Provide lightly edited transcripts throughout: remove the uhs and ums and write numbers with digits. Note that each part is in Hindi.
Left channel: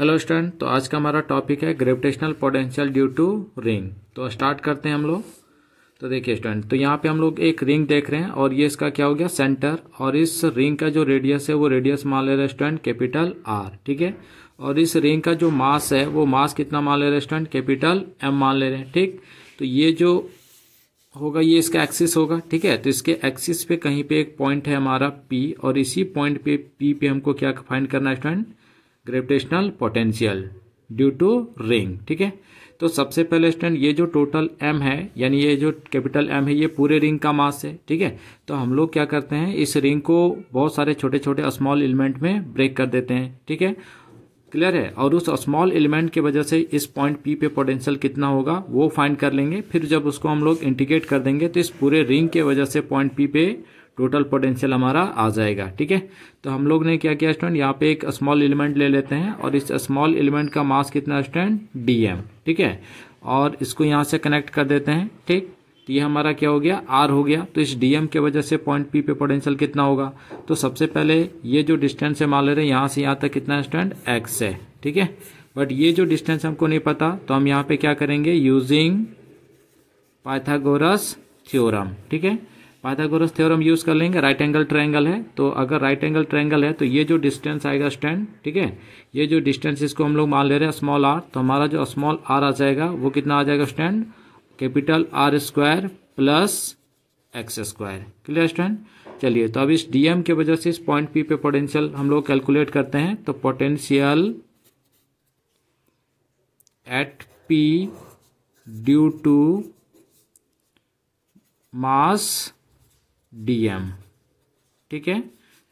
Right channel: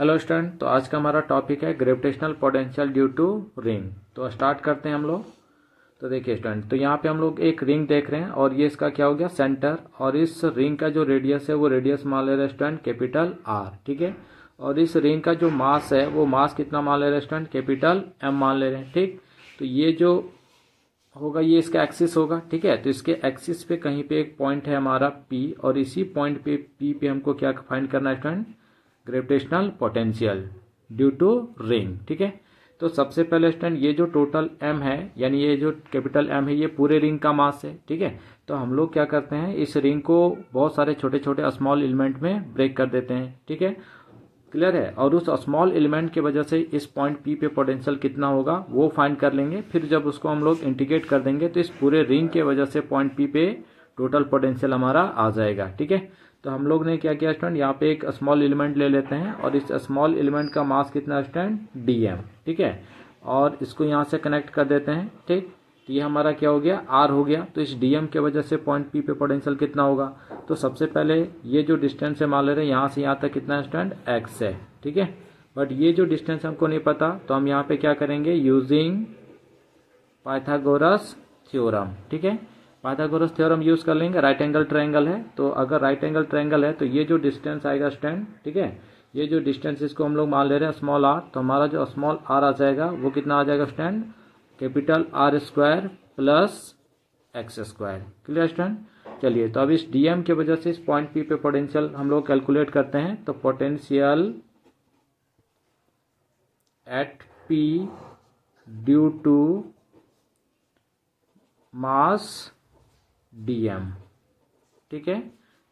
हेलो स्टूडेंट, तो आज का हमारा टॉपिक है gravitational potential due to ring. तो स्टार्ट करते हैं हम लोग। तो देखिए स्टूडेंट, तो यहाँ पे हम लोग एक रिंग देख रहे हैं और ये इसका क्या हो गया, सेंटर। और इस रिंग का जो रेडियस है वो रेडियस मान ले रहे हैं स्टूडेंट कैपिटल आर, ठीक है। और इस रिंग का जो मास है वो मास कितना मान ले रहे हैं स्टूडेंट, कैपिटल एम मान ले रहे हैं, ठीक। तो ये जो होगा ये इसका एक्सिस होगा, ठीक है। तो इसके एक्सिस पे कहीं पे एक पॉइंट है हमारा पी, और इसी पॉइंट पे पी पे हमको क्या फाइंड करना है student, gravitational potential due to ring, ठीक है। तो सबसे पहले स्टूडेंट ये जो टोटल एम है, यानी ये जो कैपिटल एम है, ये पूरे रिंग का मास है, ठीक है। तो हम लोग क्या करते हैं, इस रिंग को बहुत सारे छोटे छोटे स्मॉल एलिमेंट में ब्रेक कर देते हैं, ठीक है। क्लियर है। और उस स्मॉल एलिमेंट की वजह से इस पॉइंट पी पे पोटेंशियल कितना होगा वो फाइंड कर लेंगे। फिर जब उसको हम लोग इंटीग्रेट कर देंगे तो इस पूरे रिंग के वजह से पॉइंट पी पे टोटल पोटेंशियल हमारा आ जाएगा, ठीक है। तो हम लोग ने क्या किया स्टूडेंट, यहाँ पे एक स्मॉल एलिमेंट ले लेते हैं और इस स्मॉल एलिमेंट का मास कितना स्टूडेंट, डीएम, ठीक है। और इसको यहाँ से कनेक्ट कर देते हैं, ठीक। तो ये हमारा क्या हो गया, आर हो गया। तो इस डीएम के वजह से पॉइंट पी पे पोटेंशियल कितना होगा। तो सबसे पहले ये जो डिस्टेंस है मान ले रहे हैं यहाँ से यहाँ तक कितना स्टूडेंट, एक्स है, ठीक है। बट ये जो डिस्टेंस हमको नहीं पता, तो हम यहाँ पे क्या करेंगे, यूजिंग पाइथागोरस थ्योरम, ठीक है। पाइथागोरस थ्योरम यूज कर लेंगे। राइट एंगल ट्रायंगल है, तो अगर राइट एंगल ट्रायंगल है तो ये जो डिस्टेंस आएगा स्टैंड, ठीक है, ये जो डिस्टेंस इसको हम लोग मान ले रहे हैं स्मॉल आर, तो हमारा जो स्मॉल आर आ जाएगा वो कितना आ जाएगा stand, capital R square plus x square. Clear student. चलिए, तो अब इस डीएम की वजह से इस पॉइंट पी पे पोटेंशियल हम लोग कैलकुलेट करते हैं। तो potential at P due to mass DM, ठीक है।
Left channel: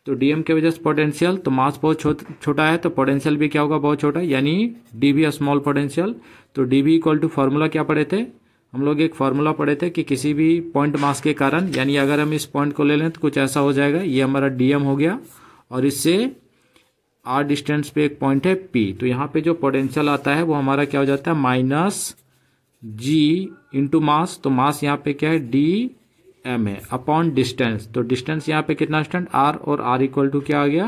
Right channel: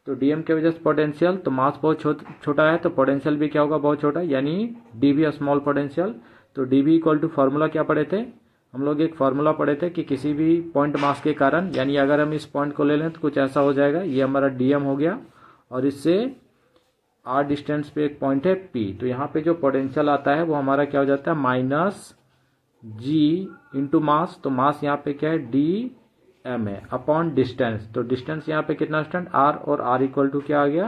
तो डीएम के वजह से पोटेंशियल, तो मास बहुत छोटा है तो पोटेंशियल भी क्या होगा, बहुत छोटा, यानी डी भी स्मॉल पोटेंशियल। तो डी भी इक्वल टू फॉर्मूला क्या पढ़े थे हम लोग, एक फॉर्मूला पढ़े थे कि किसी भी पॉइंट मास के कारण, यानी अगर हम इस पॉइंट को ले लें तो कुछ ऐसा हो जाएगा, ये हमारा डीएम हो गया और इससे आर डिस्टेंस पे एक पॉइंट है पी। तो यहाँ पे जो पोटेंशियल आता है वो हमारा क्या हो जाता है, माइनस जी इंटू मास। तो मास यहाँ पे क्या है, डी एम है, अपॉन डिस्टेंस। तो डिस्टेंस यहाँ पे कितना स्टूडेंट, आर, और आर इक्वल टू क्या आ गया,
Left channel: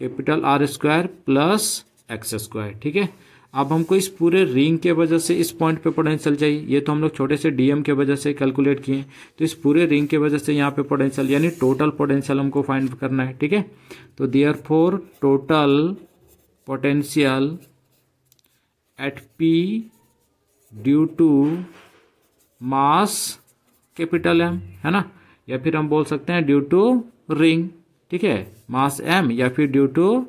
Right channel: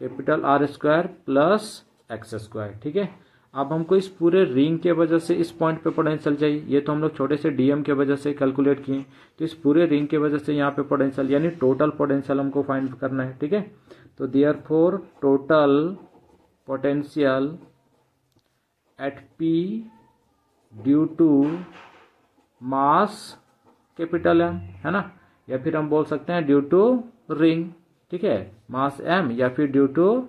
capital R square plus x square, ठीक है। अब हमको इस पूरे रिंग के वजह से इस पॉइंट पे पोटेंशियल चाहिए। ये तो हम लोग छोटे से डीएम के वजह से कैलकुलेट किए, तो इस पूरे रिंग के वजह से यहाँ पे पोटेंशियल यानी टोटल पोटेंशियल हमको फाइंड करना है, ठीक है। तो therefore total potential at P due to mass capital M, है ना, या फिर हम बोल सकते हैं ड्यू टू रिंग, ठीक है, मास एम या फिर due to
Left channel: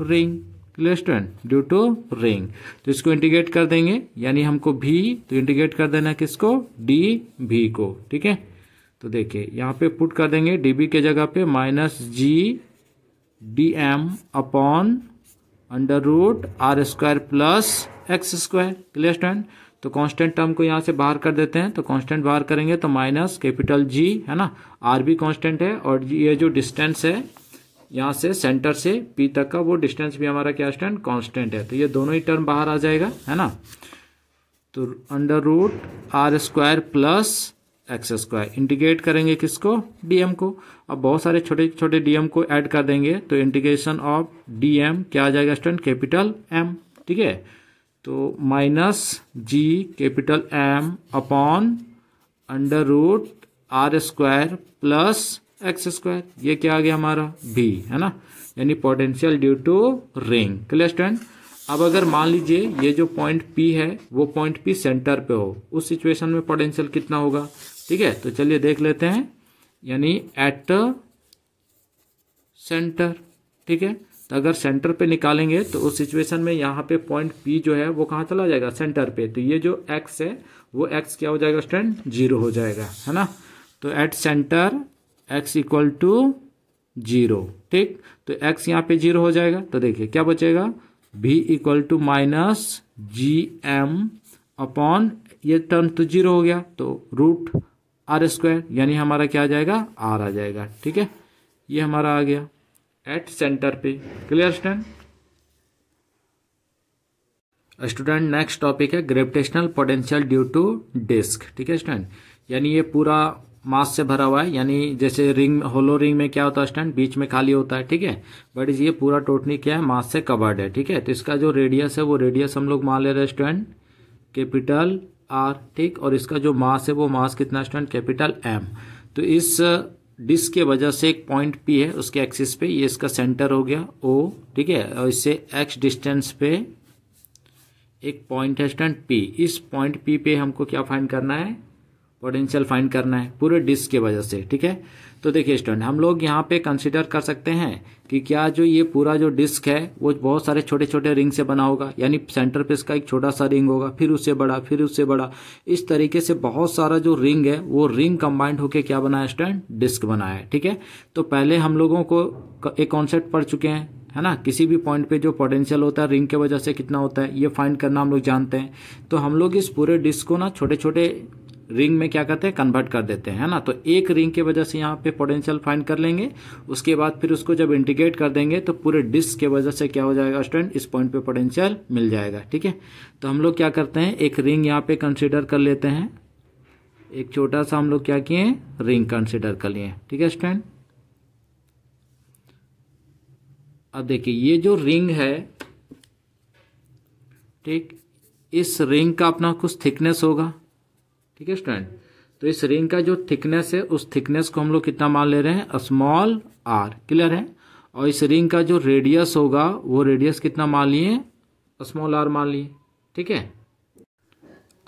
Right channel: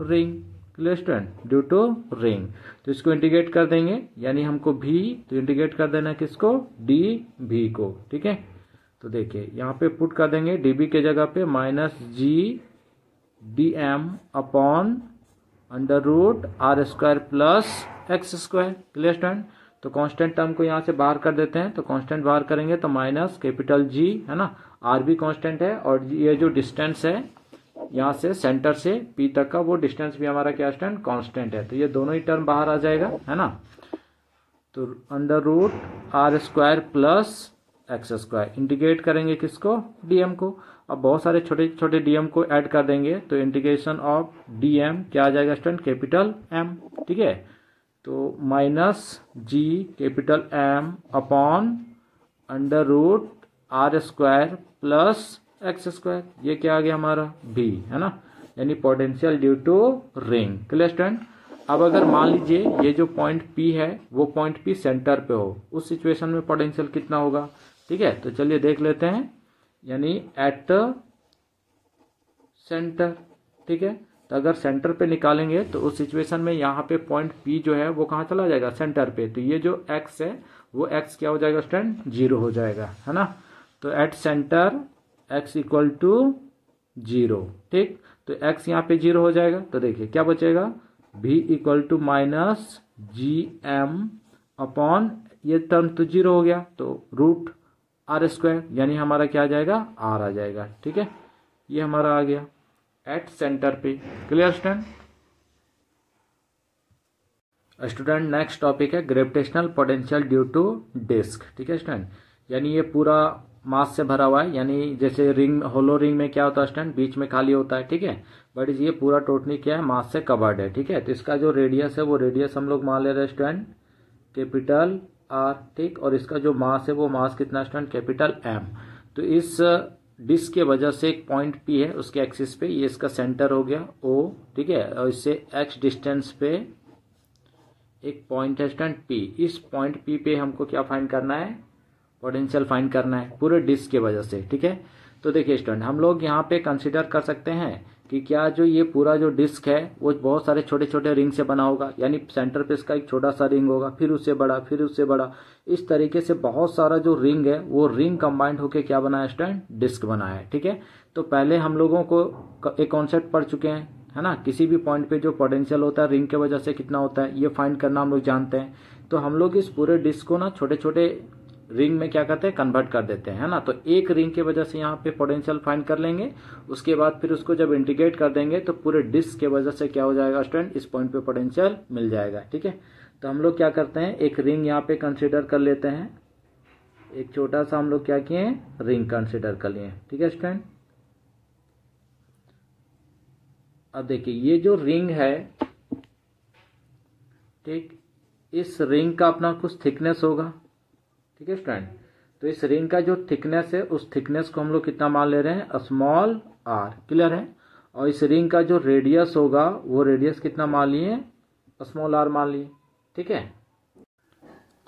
ring. Clear student, due to ring. तो इसको इंटीग्रेट कर देंगे, यानी हमको भी तो इंटीग्रेट कर देना किसको, डी भी को, ठीक है। तो देखिए यहाँ पे पुट कर देंगे डी बी के जगह पे minus G D M upon under root are square plus x square. Clear student. तो कांस्टेंट टर्म को यहाँ से बाहर कर देते हैं, तो कांस्टेंट बाहर करेंगे तो माइनस कैपिटल जी, है ना, आर भी कांस्टेंट है, और ये जो डिस्टेंस है यहाँ से सेंटर से पी तक का वो डिस्टेंस भी हमारा क्या स्टैंड, कांस्टेंट है। तो ये दोनों ही टर्म बाहर आ जाएगा, है ना। तो under root are square plus x square, integrate करेंगे किसको, डीएम को। अब बहुत सारे छोटे छोटे डीएम को ऐड कर देंगे, तो इंटीग्रेशन ऑफ डीएम क्या आ जाएगा स्टूडेंट, कैपिटल एम, ठीक है। तो minus G capital M upon under root are square plus x square, ये क्या आ गया हमारा भी, है ना, यानी potential due to ring. Clear student. अब अगर मान लीजिए ये जो पॉइंट पी है वो पॉइंट पी सेंटर पे हो, उस सिचुएशन में पोटेंशियल कितना होगा, ठीक है। तो चलिए देख लेते हैं, यानी एट सेंटर, ठीक है। तो अगर सेंटर पे निकालेंगे तो उस सिचुएशन में यहाँ पे पॉइंट पी जो है वो कहाँ चला जाएगा, सेंटर पे। तो ये जो एक्स है वो एक्स क्या हो जाएगा स्टूडेंट, 0 हो जाएगा, है ना। तो at centre X equal to 0, ठीक। तो एक्स यहाँ पे 0 हो जाएगा, तो देखिए क्या बचेगा, भी equal to minus G M upon, ये टर्म तो 0 हो गया, तो रूट आर स्क्वायर, यानी हमारा क्या आ जाएगा, आर आ जाएगा, ठीक है। ये हमारा आ गया एट सेंटर पे। Clear student. Student next topic है gravitational potential due to disc, ठीक है स्टूडेंट। यानी ये पूरा मास से भरा हुआ है, यानी जैसे रिंग, होलो रिंग में क्या होता है स्टूडेंट, बीच में खाली होता है, ठीक है। बट ये पूरा टोटली क्या है, मास से कवर्ड है, ठीक है। तो इसका जो रेडियस है वो रेडियस हम लोग मान ले रहे हैं स्टूडेंट कैपिटल आर, ठीक। और इसका जो मास है वो मास कितना स्टूडेंट, कैपिटल एम। तो इस डिस्क के वजह से एक पॉइंट पी है उसके एक्सिस पे, ये इसका सेंटर हो गया ओ, ठीक है। और इससे एक्स डिस्टेंस पे एक पॉइंट है स्टूडेंट पी। इस पॉइंट पी पे हमको क्या फाइंड करना है, पोटेंशियल फाइंड करना है पूरे डिस्क के वजह से, ठीक है। तो देखिए स्टूडेंट, हम लोग यहाँ पे कंसिडर कर सकते हैं कि क्या जो ये पूरा जो डिस्क है वो बहुत सारे छोटे छोटे रिंग से बना होगा, यानी सेंटर पे इसका एक छोटा सा रिंग होगा, फिर उससे बड़ा, फिर उससे बड़ा, इस तरीके से बहुत सारा जो रिंग है वो रिंग कंबाइंड होके क्या बनाया स्टूडेंट, डिस्क बनाया है, ठीक है। तो पहले हम लोगों को एक कॉन्सेप्ट पढ़ चुके हैं, है ना, किसी भी पॉइंट पे जो पोटेंशियल होता है रिंग के वजह से कितना होता है ये फाइंड करना हम लोग जानते हैं। तो हम लोग इस पूरे डिस्क को ना छोटे छोटे रिंग में क्या करते हैं, कन्वर्ट कर देते हैं, है ना। तो एक रिंग की वजह से यहाँ पे पोटेंशियल फाइंड कर लेंगे, उसके बाद फिर उसको जब इंटीग्रेट कर देंगे तो पूरे डिस्क के वजह से क्या हो जाएगा स्टूडेंट, इस पॉइंट पे पोटेंशियल मिल जाएगा, ठीक है। तो हम लोग क्या करते हैं, एक रिंग यहाँ पे कंसिडर कर लेते हैं, एक छोटा सा हम लोग क्या किए, रिंग कंसिडर कर लिए, ठीक है स्टूडेंट। अब देखिए ये जो रिंग है, ठीक, इस रिंग का अपना कुछ थिकनेस होगा, ठीक है स्टूडेंट। तो इस रिंग का जो थिकनेस है उस थिकनेस को हम लोग कितना मान ले रहे हैं, स्मॉल आर, क्लियर है। और इस रिंग का जो रेडियस होगा वो रेडियस कितना मान लिए, स्मॉल आर मान लिए, ठीक है।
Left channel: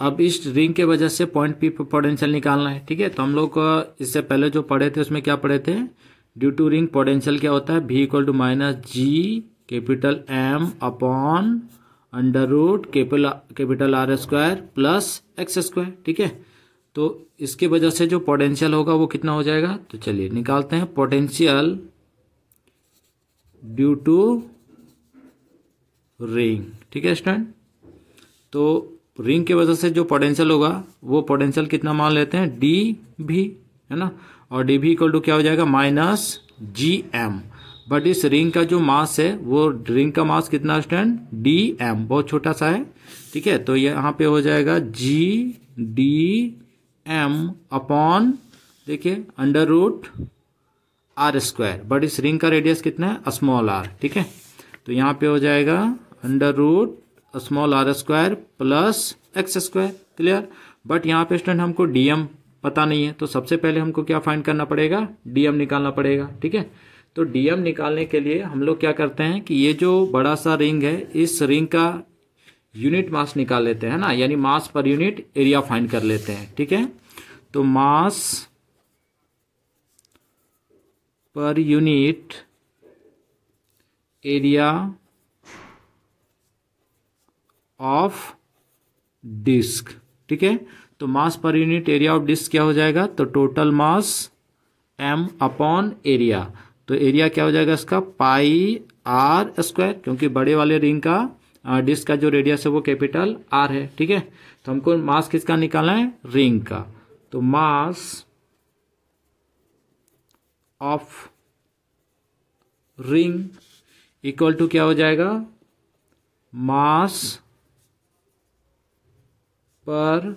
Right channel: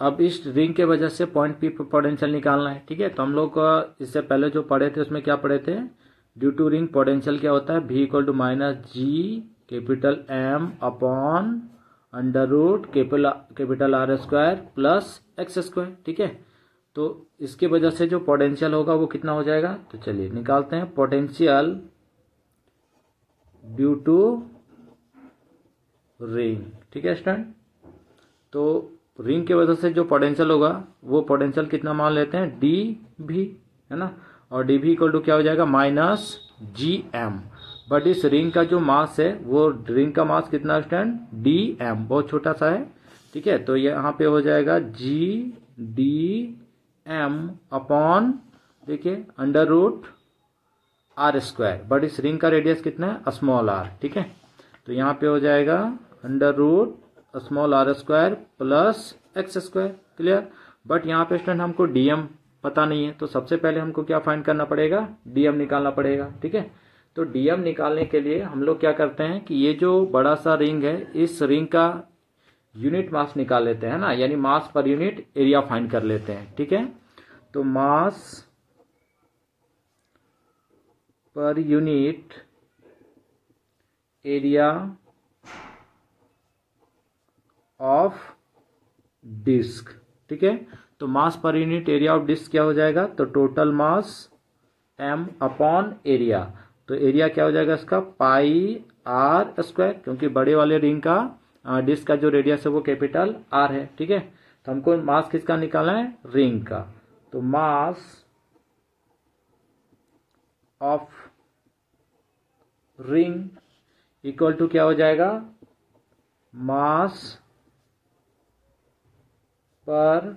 अब इस रिंग के वजह से पॉइंट पी पर पोटेंशियल निकालना है, ठीक है। तो हम लोग इससे पहले जो पढ़े थे उसमें क्या पढ़े थे, ड्यू टू रिंग पोटेंशियल क्या होता है, V equal to minus G capital M upon under root capital R square plus x square, ठीक है। तो इसके वजह से जो पोटेंशियल होगा वो कितना हो जाएगा, तो चलिए निकालते हैं। पोटेंशियल ड्यू टू रिंग, ठीक है स्टूडेंट। तो रिंग की वजह से जो पोटेंशियल होगा वो पोटेंशियल कितना मान लेते हैं, डी भी, है ना। और डी भी इक्वल टू क्या हो जाएगा, माइनस जी एम। बट इस रिंग का जो मास है वो रिंग का मास कितना स्टूडेंट, डी एम, बहुत छोटा सा है, ठीक है। तो यहाँ पे हो जाएगा जी डी एम अपॉन, देखिए, under root are square. But इस रिंग का रेडियस कितना है, स्मॉल आर, ठीक है। तो यहाँ पे हो जाएगा under root small R square plus x square, clear. But यहाँ पे स्टूडेंट हमको डीएम पता नहीं है, तो सबसे पहले हमको क्या फाइंड करना पड़ेगा, डीएम निकालना पड़ेगा, ठीक है। तो डीएम निकालने के लिए हम लोग क्या करते हैं कि ये जो बड़ा सा रिंग है इस रिंग का यूनिट मास निकाल लेते हैं ना, यानी मास पर यूनिट एरिया फाइंड कर लेते हैं, ठीक है। तो मास per unit area of disc, ठीक है। तो मास per unit area of disc क्या हो जाएगा, तो total mass m upon area. तो एरिया क्या हो जाएगा इसका, पाई आर स्क्वायर, क्योंकि बड़े वाले रिंग का डिस्क का जो रेडियस है वो कैपिटल आर है, ठीक है। तो हमको मास किसका निकालना है, रिंग का। तो mass of ring equal to क्या हो जाएगा, मास पर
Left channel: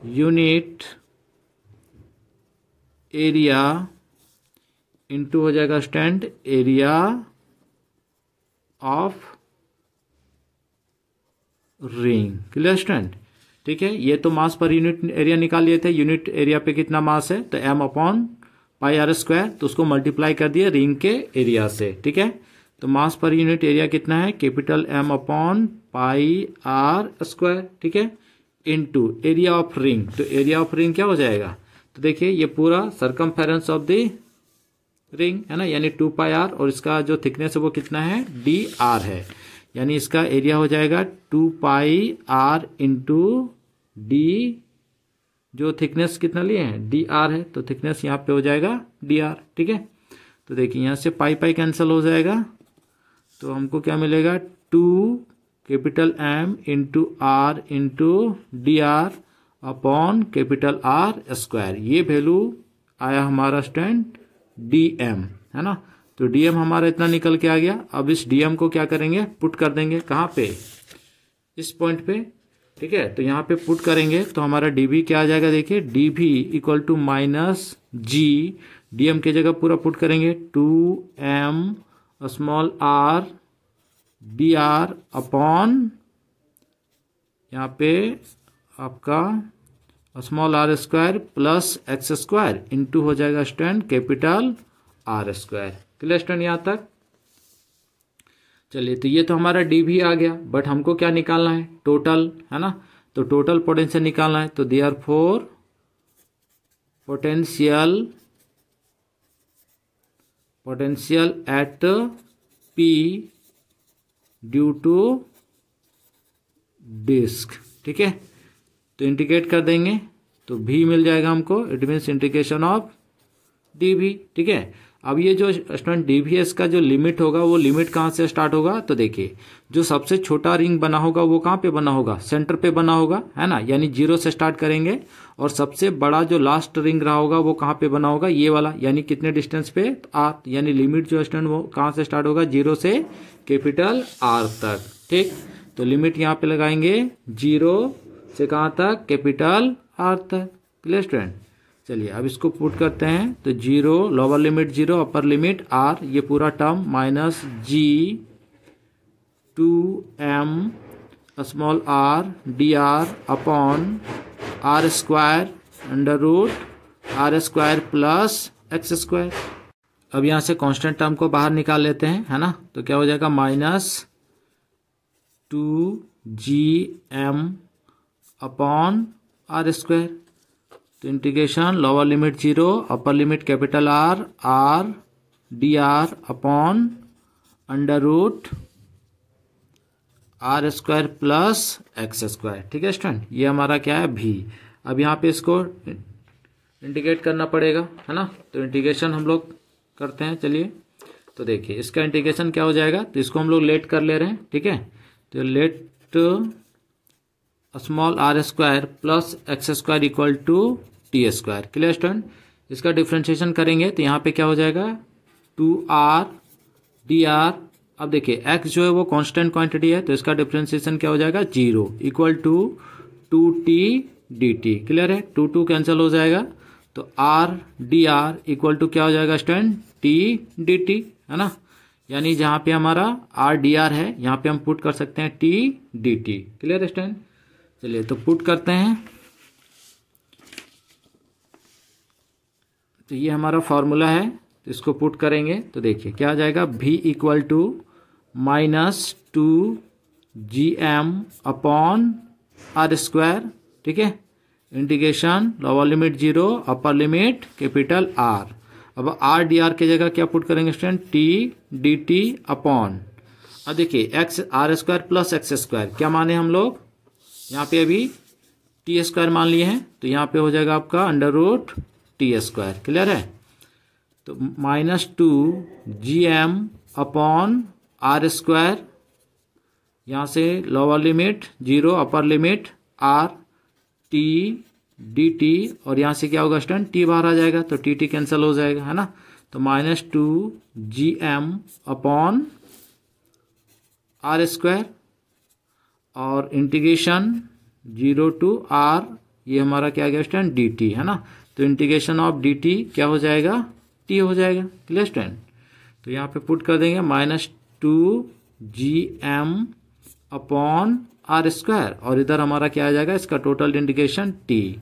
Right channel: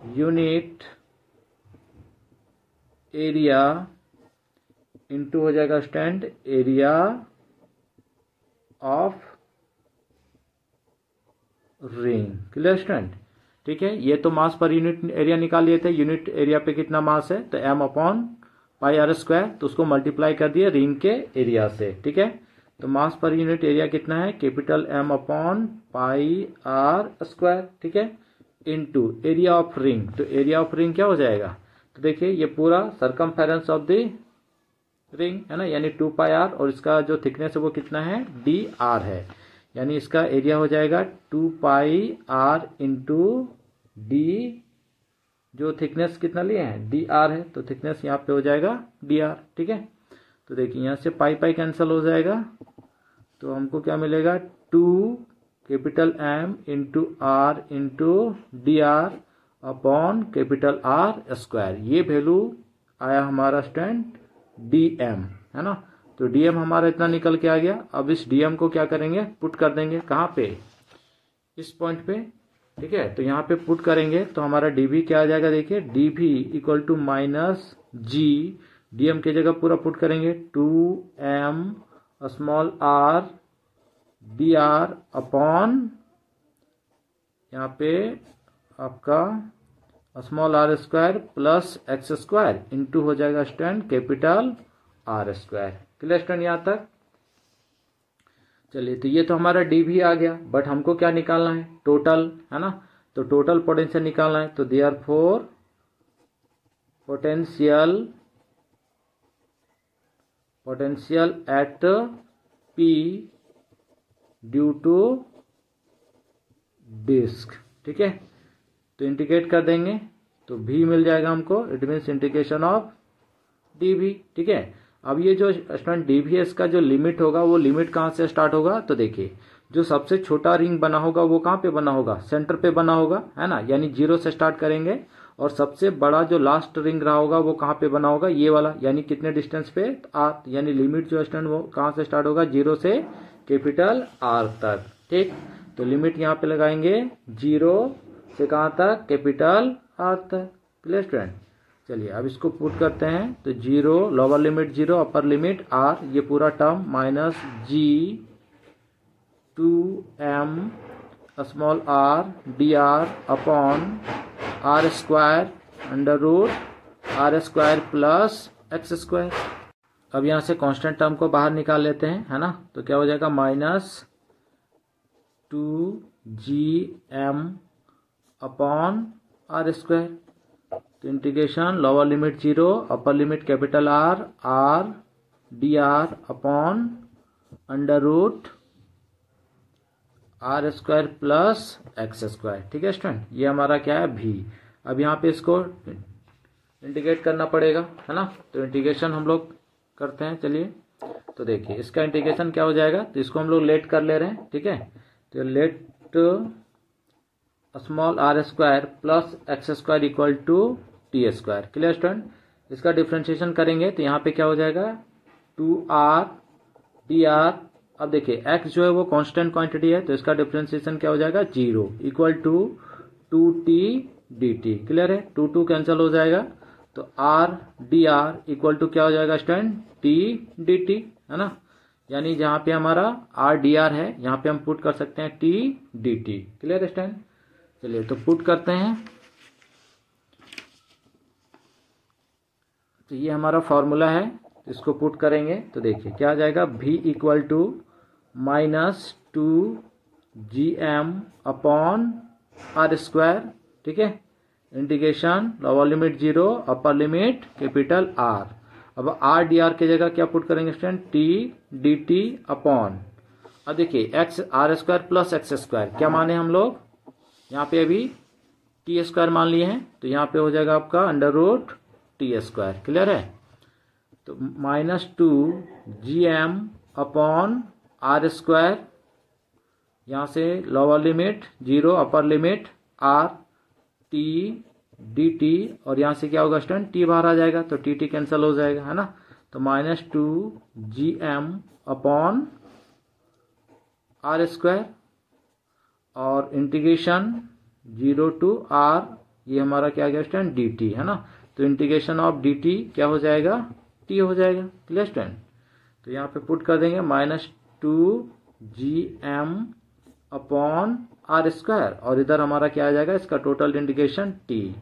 यूनिट एरिया इंटू हो जाएगा student area of ring, clear student, ठीक है। ये तो मास पर यूनिट एरिया निकाल लिए थे, यूनिट एरिया पे कितना मास है, तो m upon pi R square, तो उसको मल्टीप्लाई कर दिए रिंग के एरिया से, ठीक है। तो मास पर यूनिट एरिया कितना है, capital M upon pi R square, ठीक है, इनटू एरिया ऑफ रिंग। तो एरिया ऑफ रिंग क्या हो जाएगा, तो देखिए ये पूरा सरकमफेरेंस ऑफ द रिंग है ना, यानी 2 पाई आर, और इसका जो थिकनेस है वो कितना है, डी आर है, यानी इसका एरिया हो जाएगा 2 पाई आर इंटू डी, जो थिकनेस कितना लिए हैं, डी आर है, तो थिकनेस यहाँ पे हो जाएगा डी आर, ठीक है। तो देखिए यहाँ से पाई पाई कैंसिल हो जाएगा, तो हमको क्या मिलेगा, 2 capital M into R into D are upon capital R square. ये वैल्यू आया हमारा स्टूडेंट डी एम, है ना। तो डी एम हमारा इतना निकल के आ गया। अब इस डी एम को क्या करेंगे, पुट कर देंगे कहाँ पे, इस पॉइंट पे। ठीक है। तो यहाँ पे पुट करेंगे तो हमारा डी वी क्या आ जाएगा, देखिए D V equal to minus G, D M की जगह पूरा पुट करेंगे 2m small R D R upon यहाँ पे आपका small R square plus x square into हो जाएगा student capital R square. Clear student यहाँ तक। चलिए तो ये तो हमारा डी भी आ गया, बट हमको क्या निकालना है, टोटल, है ना। तो टोटल पोटेंशियल निकालना है, तो therefore potential at P due to disc, ठीक है। तो इंटीग्रेट कर देंगे तो भी मिल जाएगा हमको, it means integration of D भी, ठीक है। अब ये जो स्टूडेंट डी वी एस का जो लिमिट होगा वो लिमिट कहाँ से स्टार्ट होगा, तो देखिए जो सबसे छोटा रिंग बना होगा वो कहाँ पे बना होगा, सेंटर पे बना होगा, है ना, यानी 0 से स्टार्ट करेंगे। और सबसे बड़ा जो लास्ट रिंग रहा होगा वो कहाँ पे बना होगा, ये वाला, यानी कितने डिस्टेंस पे, आर, यानी लिमिट जो स्टूडेंट वो कहाँ से स्टार्ट होगा, 0 से कैपिटल आर तक, ठीक। तो लिमिट यहाँ पे लगाएंगे 0 से कहाँ तक, कैपिटल आर तक। Clear student. चलिए अब इसको पुट करते हैं, तो 0 lower limit 0 upper limit R, ये पूरा term minus G 2m small R D R upon are square under root are square plus x square. अब यहाँ से कांस्टेंट टर्म को बाहर निकाल लेते हैं, है ना। तो क्या हो जाएगा, minus 2gm upon are square. तो integration lower limit 0 upper limit capital R, r D R upon under root are square plus x square, ठीक है स्टूडेंट। ये हमारा क्या है, भी। अब यहाँ पे इसको इंटीग्रेट करना पड़ेगा, है ना। तो इंटीग्रेशन हम लोग करते हैं, चलिए। तो देखिए इसका इंटीग्रेशन क्या हो जाएगा, तो इसको हम लोग लेट कर ले रहे हैं, ठीक है। तो let small R square plus x square equal to T square. Clear student. इसका डिफ्रेंशिएशन करेंगे तो यहाँ पे क्या हो जाएगा, 2r डी आर। अब देखिए x जो है वो कांस्टेंट क्वांटिटी है, तो इसका डिफ्रेंशिएशन क्या हो जाएगा, 0 equal to 2t dt। Clear है, 2 कैंसिल हो जाएगा, तो r D R equal to क्या हो जाएगा स्टूडेंट, t dt, है ना। यानी जहाँ पे हमारा r डी आर है यहाँ पे हम पुट कर सकते हैं t dt। क्लियर है स्टूडेंट। चलिए तो पुट करते हैं, तो ये हमारा फॉर्मूला है, तो इसको पुट करेंगे तो देखिए क्या आ जाएगा, v equal to minus 2gm upon are square, ठीक है। Integration lower limit 0 upper limit capital R. अब आर डी आर की जगह क्या पुट करेंगे स्टूडेंट, t dt अपॉन, अब देखिए x R square plus x square क्या माने हम लोग, यहाँ पे अभी टी स्क्वायर मान लिए हैं, तो यहाँ पे हो जाएगा आपका under root T square. Clear है। तो minus 2gm upon are square, यहाँ से lower limit 0 upper limit R T D T, और यहाँ से क्या होगा स्टूडेंट, टी बाहर आ जाएगा तो टी टी कैंसिल हो जाएगा, है ना। तो minus 2gm upon are square और इंटीग्रेशन 0 टू r, ये हमारा क्या गया स्टूडेंट, डी टी, है ना। तो इंटीग्रेशन ऑफ डी टी क्या हो जाएगा, टी हो जाएगा। Clear student. तो यहाँ पे पुट कर देंगे minus 2gm upon are square, और इधर हमारा क्या आ जाएगा, इसका total integration t,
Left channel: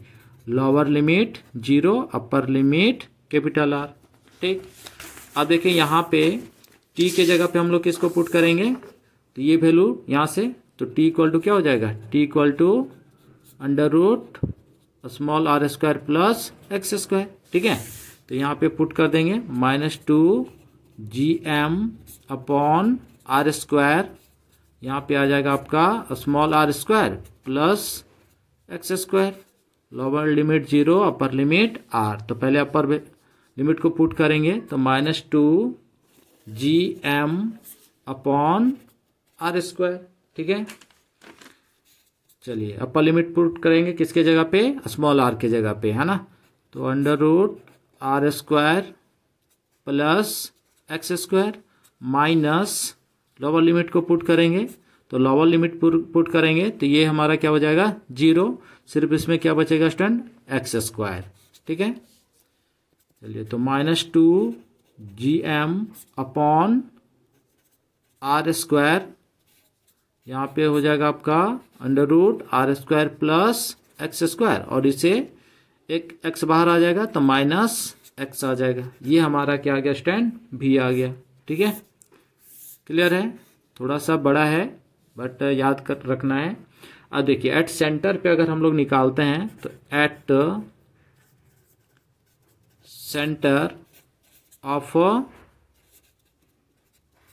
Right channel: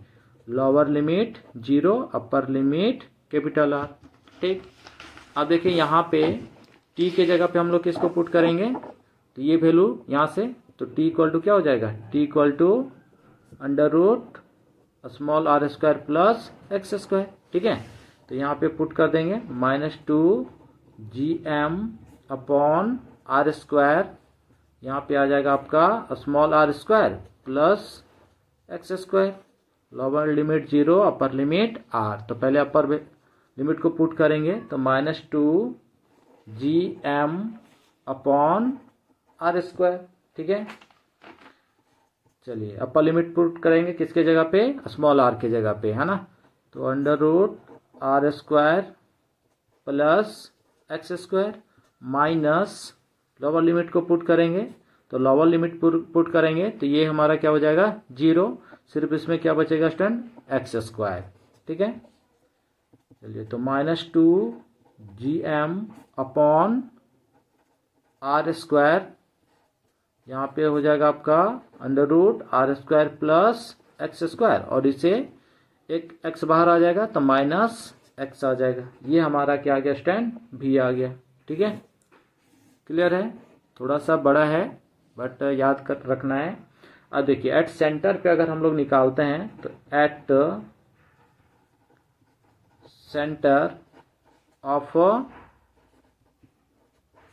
lower limit 0 upper limit capital are, ठीक। अब देखिए यहाँ पे t के जगह पे हम लोग किसको पुट करेंगे, तो ये वैल्यू यहाँ से, तो t इक्वल टू क्या हो जाएगा, t equal to under root small R square plus x square, ठीक है। तो यहाँ पे पुट कर देंगे minus 2gm upon are square, यहाँ पे आ जाएगा आपका small R square plus x square, lower limit 0 upper limit r। तो पहले अपर लिमिट को पुट करेंगे तो minus 2gm upon are square, ठीक है। चलिए अपर लिमिट पुट करेंगे किसके जगह पे, स्मॉल आर के जगह पे, है ना। तो under root are square plus x square minus lower limit को पुट करेंगे तो लोअर लिमिट पुट करेंगे तो ये हमारा क्या हो जाएगा 0, सिर्फ इसमें क्या बचेगा स्टूडेंट एक्स स्क्वायर। ठीक है, चलिए तो -2gm अपॉन आर स्क्वायर, यहाँ पे हो जाएगा आपका √r² प्लस एक्स स्क्वायर, और इसे एक x बाहर आ जाएगा तो -x आ जाएगा। ये हमारा क्या आ गया स्टैंड भी आ गया। ठीक है, क्लियर है, थोड़ा सा बड़ा है बट याद कर रखना है। अब देखिए एट सेंटर पे अगर हम लोग निकालते हैं तो एट सेंटर ऑफ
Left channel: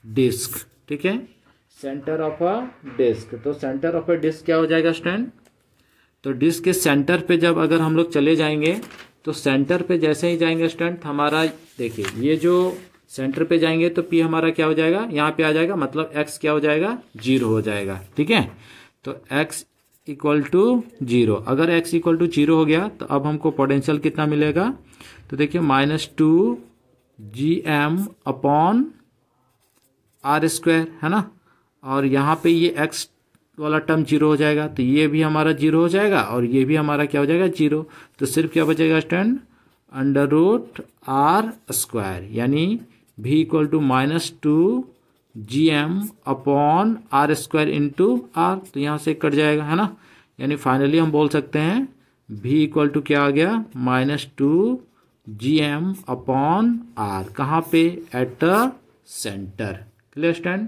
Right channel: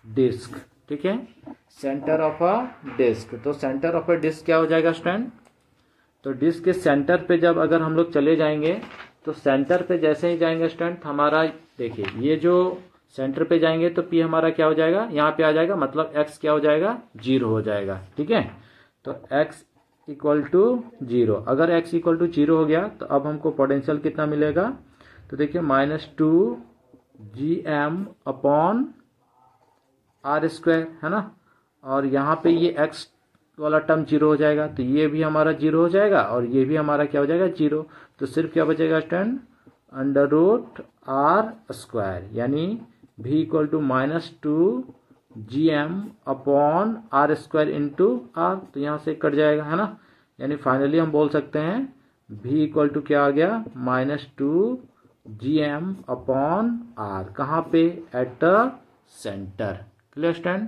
डिस्क, ठीक है, सेंटर ऑफ अ डिस्क, तो सेंटर ऑफ अ डिस्क क्या हो जाएगा स्टूडेंट, तो डिस्क के सेंटर पे जब अगर हम लोग चले जाएंगे तो सेंटर पे जैसे ही जाएंगे स्टूडेंट हमारा देखिए ये जो सेंटर पे जाएंगे तो P हमारा क्या हो जाएगा यहाँ पे आ जाएगा, मतलब x क्या हो जाएगा 0 हो जाएगा। ठीक है, तो x इक्वल टू 0, अगर x इक्वल टू 0 हो गया तो अब हमको पोटेंशियल कितना मिलेगा, तो देखिए -2gm अपॉन r² है ना, और यहाँ पे ये x वाला टर्म 0 हो जाएगा तो ये भी हमारा 0 हो जाएगा और ये भी हमारा क्या हो जाएगा 0, तो सिर्फ क्या बचेगा स्टूडेंट √r², यानी v equal to -2gm upon r² into r, तो यहाँ से कट जाएगा है ना, यानी फाइनली हम बोल सकते हैं v इक्वल टू क्या आ गया -2gm अपॉन r, कहाँ पे at the centre. Clear stand.